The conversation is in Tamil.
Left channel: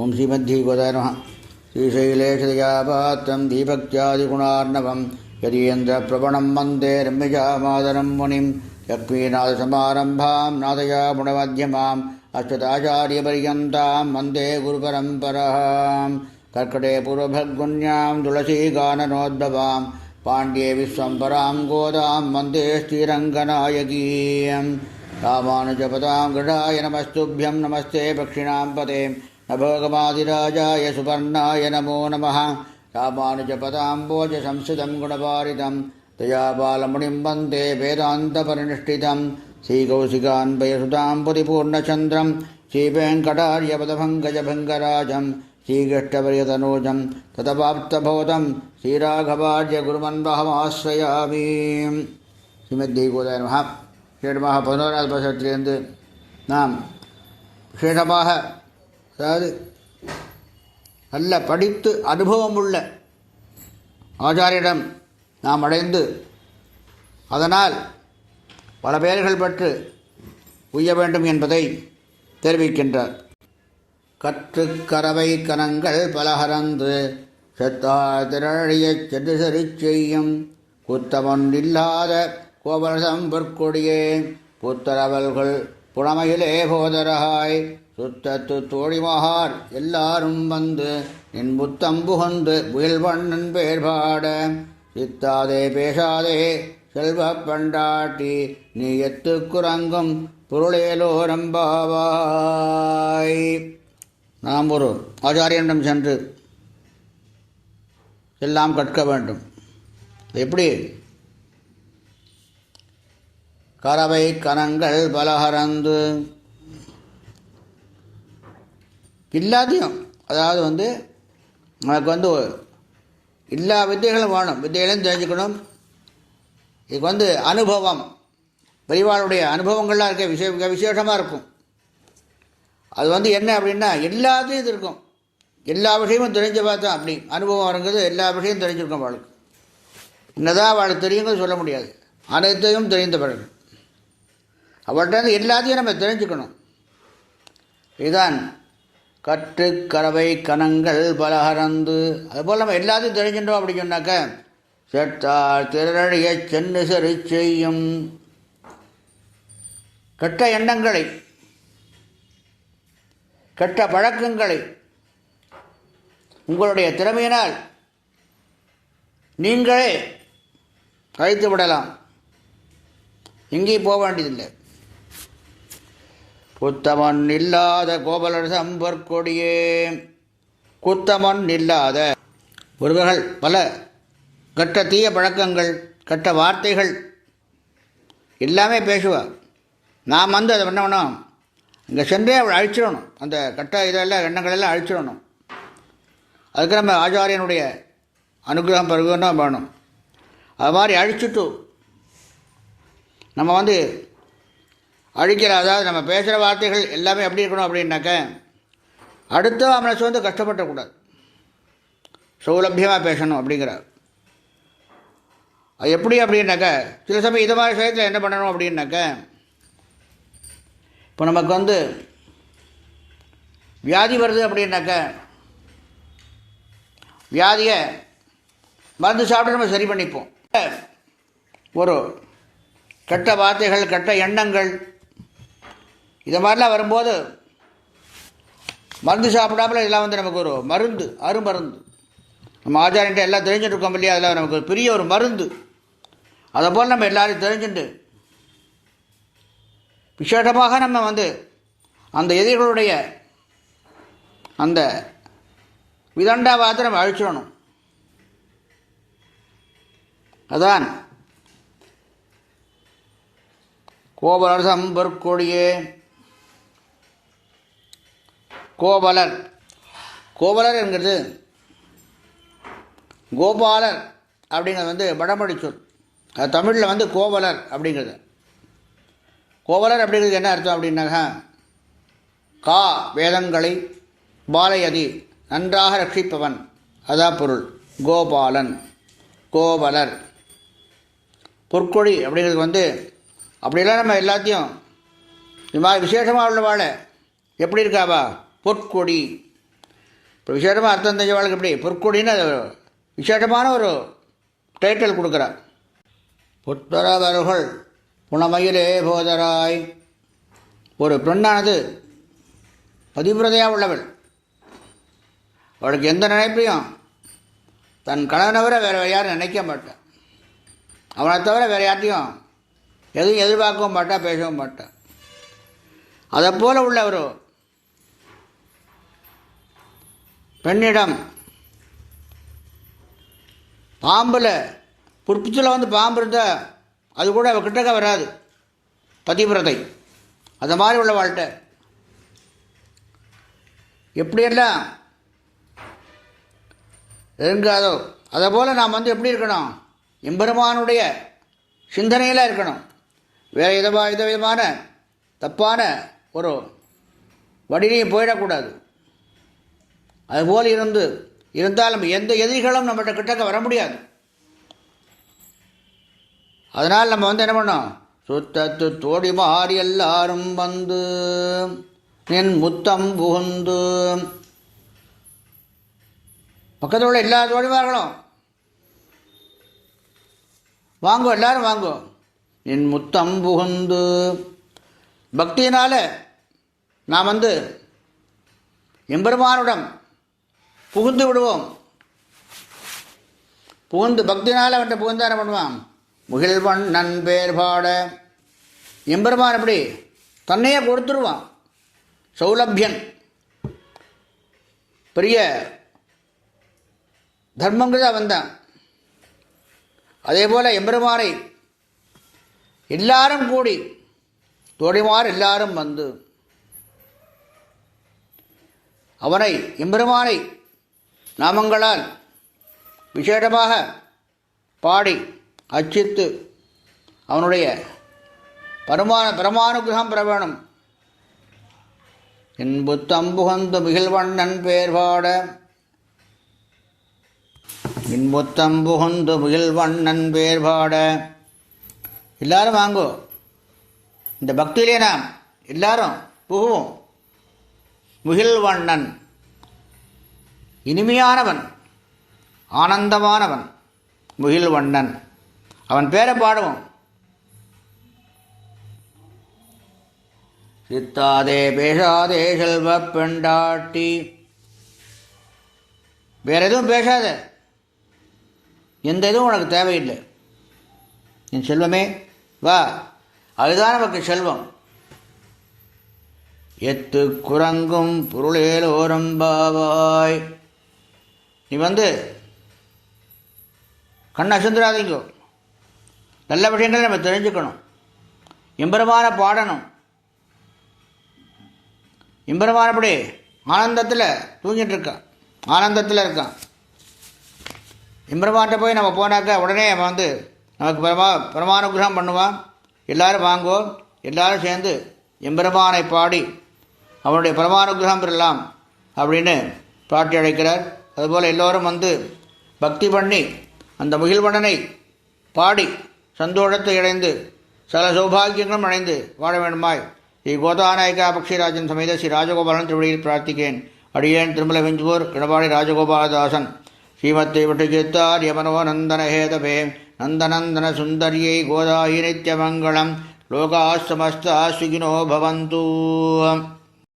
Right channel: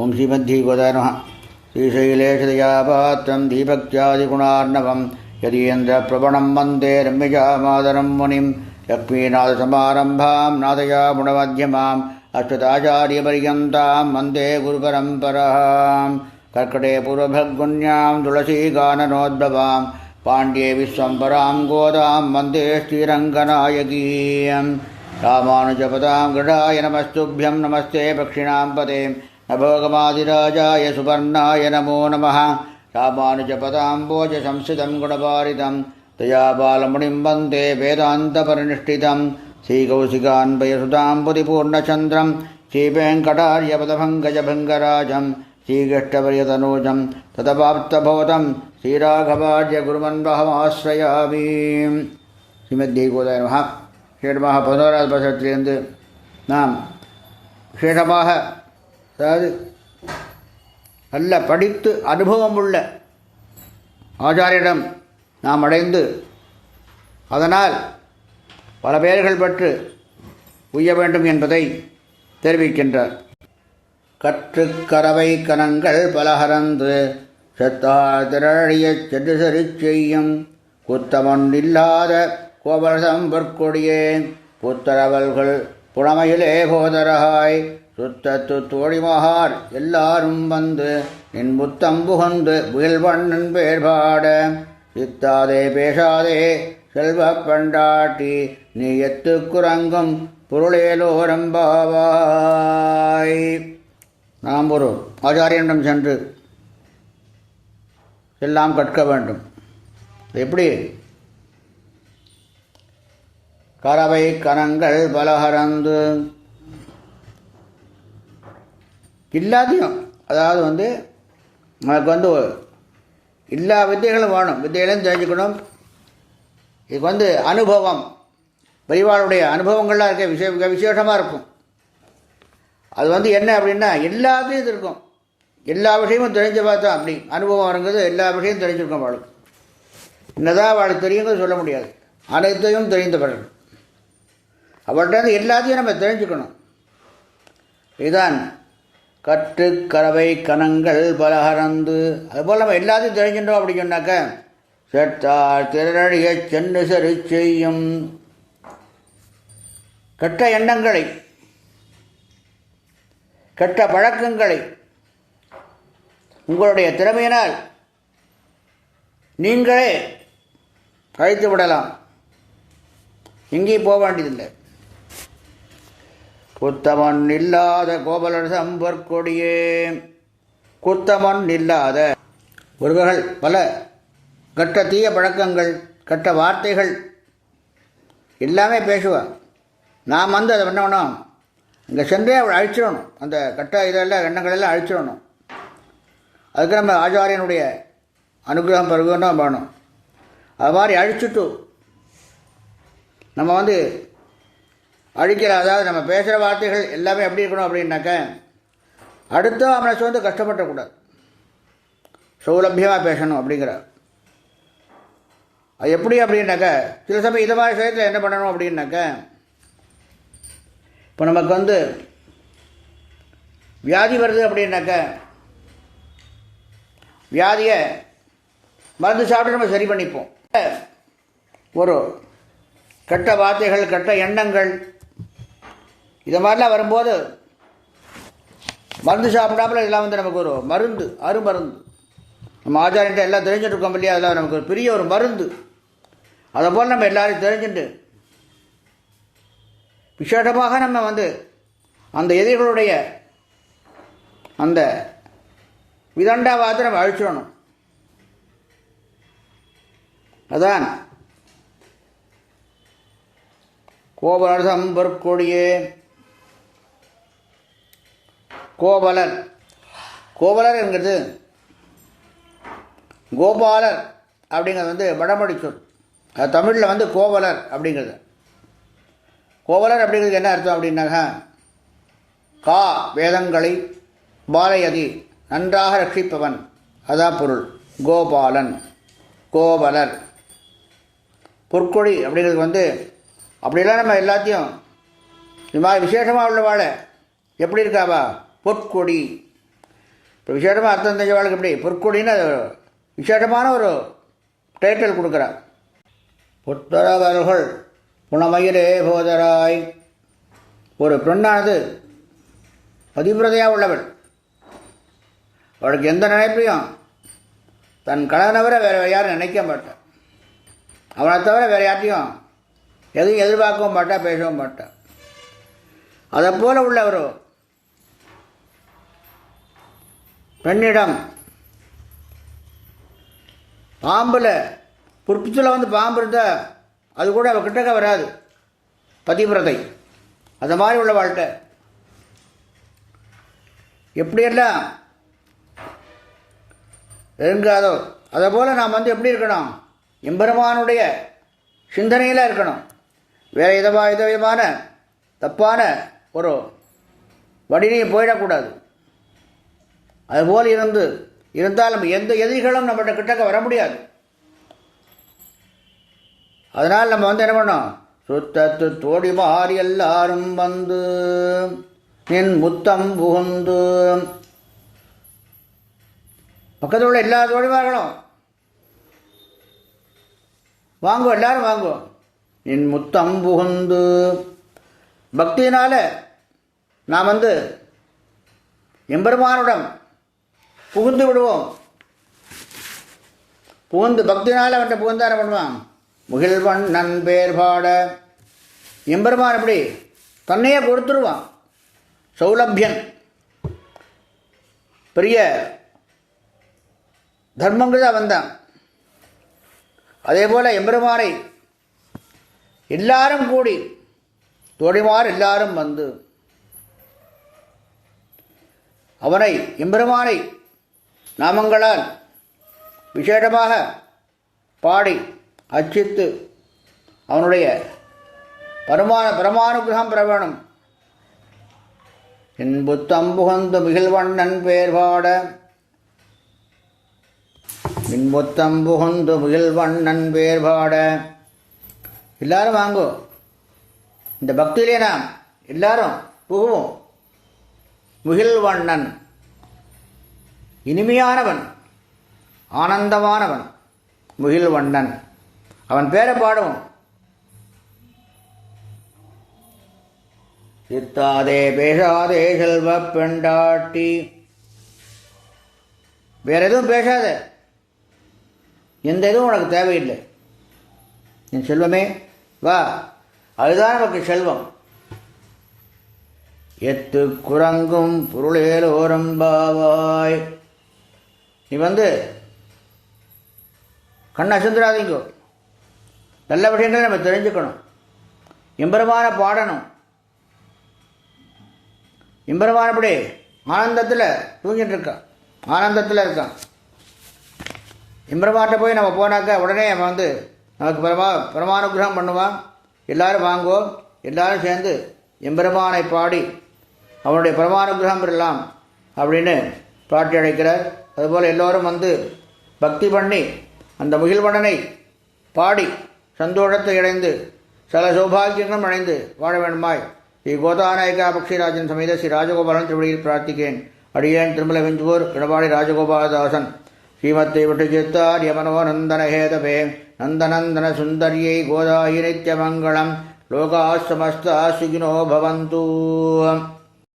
ஓம் ஸ்ரீமத்பகவதாய நமः. ஸ்ரீசைலேஷதயாபாத்திரம் தீபக்தியாதிகுணார்ணவம் யதீந்திரபிரபணம் வந்தே ரம்யஜாமாதரம் முனிம் லக்ஷ்மீநாதசமாரம்பாம் நாதயாமுனமத்யமாம் அஸ்வதாச்சாரியபர்யந்தாம் வந்தே குருபரம்பராம். கர்க்கடே பூர்வபகுன்யாம் துளசீகானனோத்பவாம் பாண்டியே விஸ்வம்பராம் கோதாம் வந்தே ஸ்ரீரங்கநாயகீயம். ராமானுஜபதாம் கிருடாய நமஸ்துभ्यं நமஸ்தே பக்ஷிணாம் பதே நபோகமாதிராஜாய சுபர்ணாய நமோ நமः. ராமானுஜபதாம்போஜ சம்ஸ்கிருதம் குணபாரிதம் தயாபாலமுனிம் வந்தே வேதாந்தபரிநிஷ்டிதம். ஸ்ரீகௌசிகான்பயசுதாம் புதிபூர்ணச்சந்திரம் ஸ்ரீவேங்கடார்யபதபங்கஜபங்கராஜம் ஸ்ரீகிருஷ்ணவரியதனூஜம் ததபாப்தபோதம் ஸ்ரீராகவார்ய குருமன்பகமாஸ்ரயாமி. ஸ்ரீமத்பகவதாய நமः. விசேஷமாக 11வது வருஷத்திலிருந்து நாம் விசேஷமாக, அதாவது நல்ல படித்து அனுபவம் உள்ள ஆச்சாரியிடம் நாம் அடைந்து அதனால் பல பெயர்கள் பெற்று உய்ய வேண்டும் என்பதை தெரிவிக்கின்றார். கற்று கரவை கனங்கள் பலகரந்து செத்தார் திரழியச் சென்று சரி செய்யும் குத்தமன் இல்லாத கோபரசம் பொற்கொடியே புத்தரவல்கள் புலமையிலே போதரகாய் சுத்தத்து தோழிமகார் எல்லாரும் வந்து நின் புத்தம் புகந்து புயல் வண்ணன் பேர் பாட சித்தாதே பேசாதே செல்வ பண்டாட்டி நீ எத்து குரங்கும் பொருளேலோரம்பாவாய். நாம் ஒரு ஆச்சாரியனிடம் சென்று எல்லாம் கற்க வேண்டும். எப்படி? கரவை கனங்கள் பலகரந்து எல்லாத்தையும், அதாவது நமக்கு எல்லா வித்தைகளும் வேணும். வித்தைகளையும் தெரிஞ்சுக்கணும். இதுக்கு அனுபவம், பெரியவாளுடைய அனுபவங்கள்லாம் இருக்க விசேஷமாக இருக்கும். அது என்ன அப்படின்னா எல்லாத்தையும் இது இருக்கும். எல்லா விஷயமும் தெரிஞ்ச பார்த்தா அப்படி அனுபவம் வருங்கிறது எல்லா விஷயமும் தெரிஞ்சிருக்கும் அவளுக்கு. என்னதான் அவளுக்கு தெரியுங்கிறது சொல்ல முடியாது. அனைத்தையும் தெரிந்தவர்கள் அவர்கிட்ட எல்லாத்தையும் நம்ம தெரிஞ்சுக்கணும். இதுதான் கற்று கரவை கனங்கள் பலகரந்து. அதுபோல் நம்ம எல்லாத்தையும் தெரிஞ்சிட்டோம் அப்படி சொன்னாக்க செட்டார் திரழிய சென்று சரி செய்யும். கெட்ட எண்ணங்களை, கெட்ட பழக்கங்களை உங்களுடைய திறமையினால் நீங்களே அழைத்து விடலாம். எங்கேயும் போக வேண்டியதில்லை. குத்தமன் இல்லாத கோபலரசம் பொற்கொடியே. குத்தமன் இல்லாத ஒருவர்கள் பல கெட்ட தீய பழக்கங்கள், கெட்ட வார்த்தைகள் எல்லாமே பேசுவார். நாம் அதை என்ன பண்ணணும்? இங்கே சென்றே அவள் அழிச்சிடணும். அந்த கெட்ட இதெல்லாம் எண்ணங்களெல்லாம் அழிச்சிடணும். அதுக்கு நம்ம ஆச்சாரியனுடைய அனுகிரகம் பருவம் தான் வேணும். அது மாதிரி அழிச்சுட்டு நம்ம அழிக்கிற, அதாவது நம்ம பேசுகிற வார்த்தைகள் எல்லாமே எப்படி இருக்கணும் அப்படின்னாக்க அடுத்த மனசு கஷ்டப்படக்கூடாது, சௌலபியமாக பேசணும் அப்படிங்கிறார். அது எப்படி அப்படின்னாக்க சில சமயம் இது மாதிரி விஷயத்தில் என்ன பண்ணணும் அப்படின்னாக்க, இப்போ நமக்கு வியாதி வருது அப்படின்னாக்க வியாதியை மருந்து சாப்பிட்டு நம்ம சரி பண்ணிப்போம். ஒரு கெட்ட வார்த்தைகள், கெட்ட எண்ணங்கள் இது மாதிரிலாம் வரும்போது மருந்து சாப்பிடாமல் இதெல்லாம் நமக்கு ஒரு மருந்து, அருமருந்து. நம்ம ஆச்சாரிட்ட எல்லாம் தெரிஞ்சுட்டு இருக்கோம் இல்லையா, அதெல்லாம் நமக்கு ஒரு பெரிய ஒரு மருந்து. அதை போல் நம்ம எல்லாரையும் தெரிஞ்சுட்டு விசேஷமாக நம்ம அந்த எதிர்களுடைய அந்த விதண்டாவாதத்தை நம்ம அழிச்சிடணும். அதான் கோபலரசம் பொற்கொடியே. கோபலர், கோபலர் என்கிறது கோபாலர் அப்படிங்கிறது வடமொழி சொல். அது தமிழில் கோவலர் அப்படிங்கிறது. கோவலர் அப்படிங்கிறது என்ன அர்த்தம் அப்படின்னாக்கா, கா வேதங்களை பாலயதி நன்றாக ரட்சிப்பவன், அதான் பொருள். கோபாலன், கோவலர். பொற்கொடி அப்படிங்கிறது அப்படிலாம் நம்ம எல்லாத்தையும் இது மாதிரி விசேஷமாக உள்ளவாழ எப்படி இருக்காவா பொற்கொடி. இப்போ விசேஷமாக அர்த்தம் தெரிஞ்சவாளுக்கு எப்படி பொற்கொடின்னு அது விசேஷமான ஒரு டைட்டில் கொடுக்குறார். புத்தரவர்கள் புனமயிலே போதராய். ஒரு பெண்ணானது பதிவிரதையாக உள்ளவள். அவளுக்கு எந்த நினைப்பையும் தன் கணவனை வேறு யாரும் நினைக்க மாட்டான். அவனை தவிர வேறு யார்ட்டையும் எதுவும் எதிர்பார்க்கவும் மாட்டான், பேசவும் மாட்டான். அதை போல உள்ள ஒரு பெண்ணிடம் பாம்பில் புற்பிச்சில் வந்து பாம்பு இருந்தால் அது கூட அவள் கிட்டக்க வராது, பதிவிரதை. அந்த மாதிரி உள்ள வாழ்க்கை எப்படியெல்லாம் இருங்காதோ அதை போல் நாம் வந்து எப்படி இருக்கணும், எம்பெருமானுடைய சிந்தனையில் இருக்கணும். வேறு எந்த விதமான தப்பான ஒரு வடினையும் போயிடக்கூடாது. அதுபோல் இருந்தால் நம்ம எந்த எதிரிகளும் நம்மகிட்ட கிட்டக்க வர முடியாது. அதனால் நம்ம வந்து என்ன பண்ணோம், சுத்தத்து தோடி மாறி எல்லாரும் வந்து என் முத்தம் புகுந்து. பக்கத்தில் உள்ள எல்லா தோழிமார்களும் வாங்கோ, எல்லாரும் வாங்கோ. என் முத்தம் புகுந்து பக்தியினால் நாம் வந்து எம்பெருமானுடன் புகுந்து விடுவோம். புகுந்து பக்தினால் அவன்கிட்ட புகுந்தா என்ன பண்ணுவான், முகில்வன் நன்பேர் பாட. எம்பெருமான் எப்படி தன்னையே கொடுத்துருவான். சௌலபியன் பெரிய தர்மங்கள் அவன் தான். அதே போல் எம்பெருமானை எல்லாரும் கூடி தோழிமார் எல்லாரும் வந்து அவனை எம்பெருமானை நாமங்களால் விசேஷமாக பாடி அர்ச்சித்து அவனுடைய பரமானுகிரகம் பெற வேணும். இன்புத்தம் புகந்து முகில்வண்ணன் பேர் பாட. இன்புத்தம் புகுந்து முகில்வண்ணன் பேர் பாட. எல்லாரும் வாங்கோ, இந்த பக்தியிலே நாம் எல்லாரும் புகுவோம். முகில்வண்ணன் இனிமையானவன், ஆனந்தமானவன் முகில்வண்ணன், அவன் பேரை பாடுவோம். சித்தாதே பேசாதே செல்வ பெண்டாட்டி. வேற எதுவும் பேசாத, எந்த எதுவும் உனக்கு தேவையில்லை. என் செல்வமே வா, அதுதான் நமக்கு செல்வம். எத்து குரங்கும் பொருளேலோரம் பாவாய். நீ வந்து கண்ணை அசந்துராதீங்கோ, நல்ல விஷயங்களை நம்ம தெரிஞ்சுக்கணும். எம்பெருமான பாடணும். எம்பெருமான் அப்படி ஆனந்தத்தில் தூங்கிட்டு இருக்கான், ஆனந்தத்தில் இருக்கான். எம்பெருமான்கிட்ட போய் நம்ம போனாக்கா உடனே அவன் வந்து நமக்கு பரமானுகிரகம் பண்ணுவான். எல்லாரும் வாங்கோ, எல்லாரும் சேர்ந்து எம்பெருமானை பாடி அவனுடைய பரமானுகிரகம் பெறலாம் அப்படின்னு பாட்டி அழைக்கிறார். அதுபோல் எல்லோரும் வந்து பக்தி பண்ணி அந்த முகில்வண்ணனை பாடி சந்தோஷத்தை அடைந்து சல சௌபாகியங்களும் அடைந்து வாழ வேண்டுமாய் ஸ்ரீ கோதாநாயகா பக்ஷிராஜன் சமேத ஸ்ரீ ராஜகோபாலன் திருவடியில் பிரார்த்திக்கேன். அடியேன் திருமல வெஞ்சூர் இடபாடி ராஜகோபாலதாசன். ஸ்ரீமத்தை விட்டுச்சித்தாரிய மனோநந்தன ஹேதபே நந்தநந்தன சுந்தரியை கோதாயி நித்யமங்கலம். லோகா சமஸ்தா சுகினோ பவந்து.